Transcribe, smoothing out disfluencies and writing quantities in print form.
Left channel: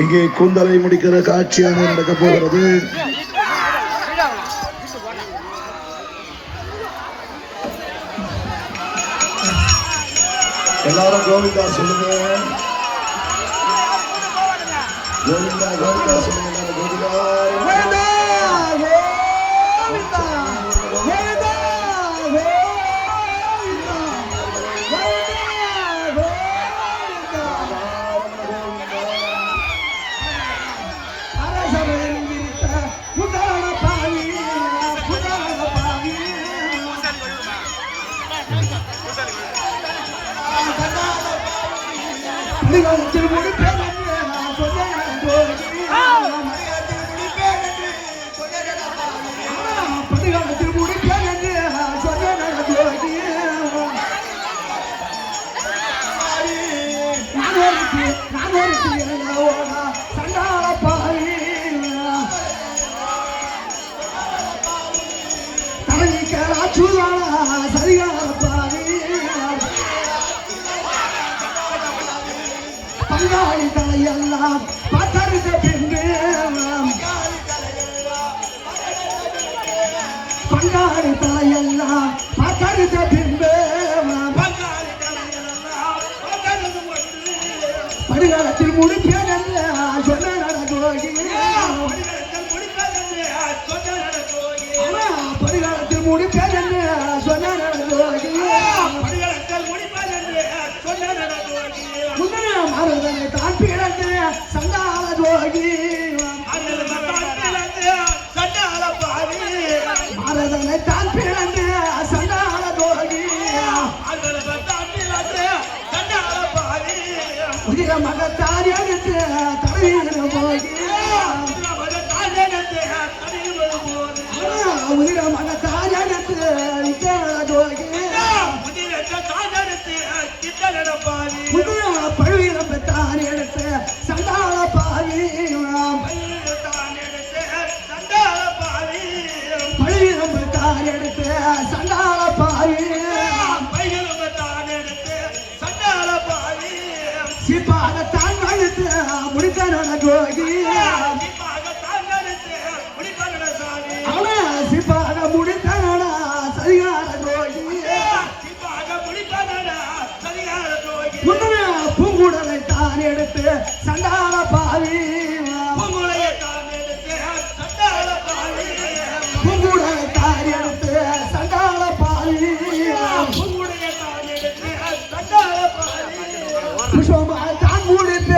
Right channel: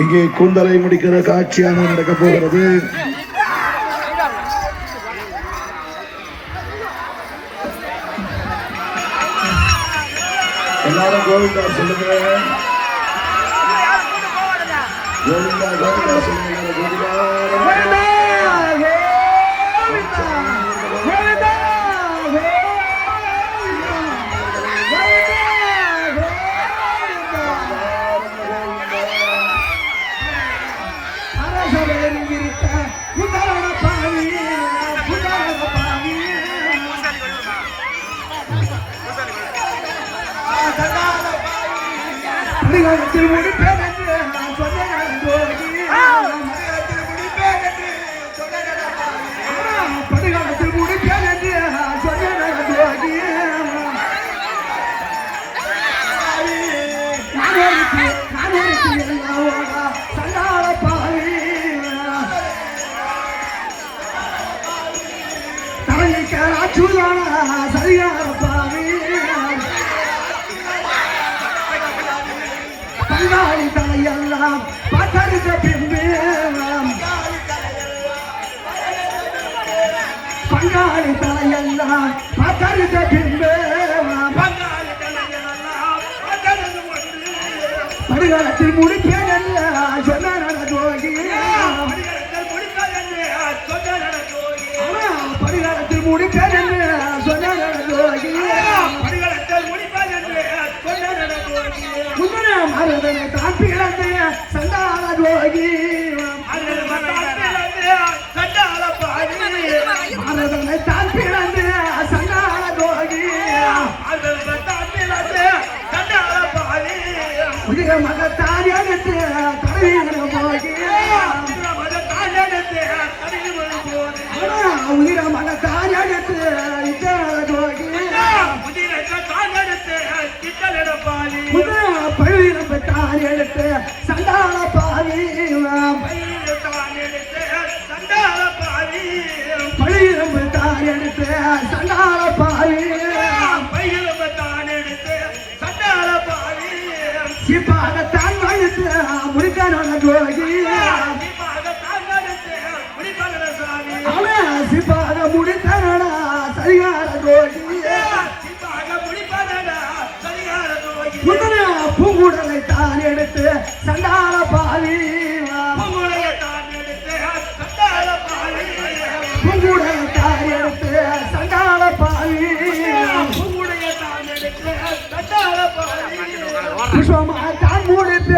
இங்கே கூந்தலை முடிக்கிற காட்சியான நடக்க போகிறது. எல்லாரும் கோவிந்தா சொல்லுங்க, கோவிந்தா கோவிந்தா சொல்லுங்க, கோவிந்தா பங்காளி தலையெல்லாம் பத்தரிக்க பின்பு பங்காளி தலையெல்லாம் பத்தரிக்க பின்பு படுகாலத்தில் முடிப்பேனல்ல சொன்ன ஜோகி படுகாலத்தில் முடிப்பேனல்ல சொன்ன ஜோகி மருதனை தான் பிளந்து சண்டாள ஜோகி மருதனை தான் பிளந்து சண்டாள ஜோகி உதிர மகத்தாரி எடுத்து தடவிட போகி உதிர மகத்தாரி எடுத்து ஜோகி பழுவிரம்பத்தான் எடுத்து சண்டாள பாவி பழுவிரம்பத்தான் எடுத்து சண்டாள பாவி சிப்பாகத்தான் மழுத்து முருகனோட ஜோகி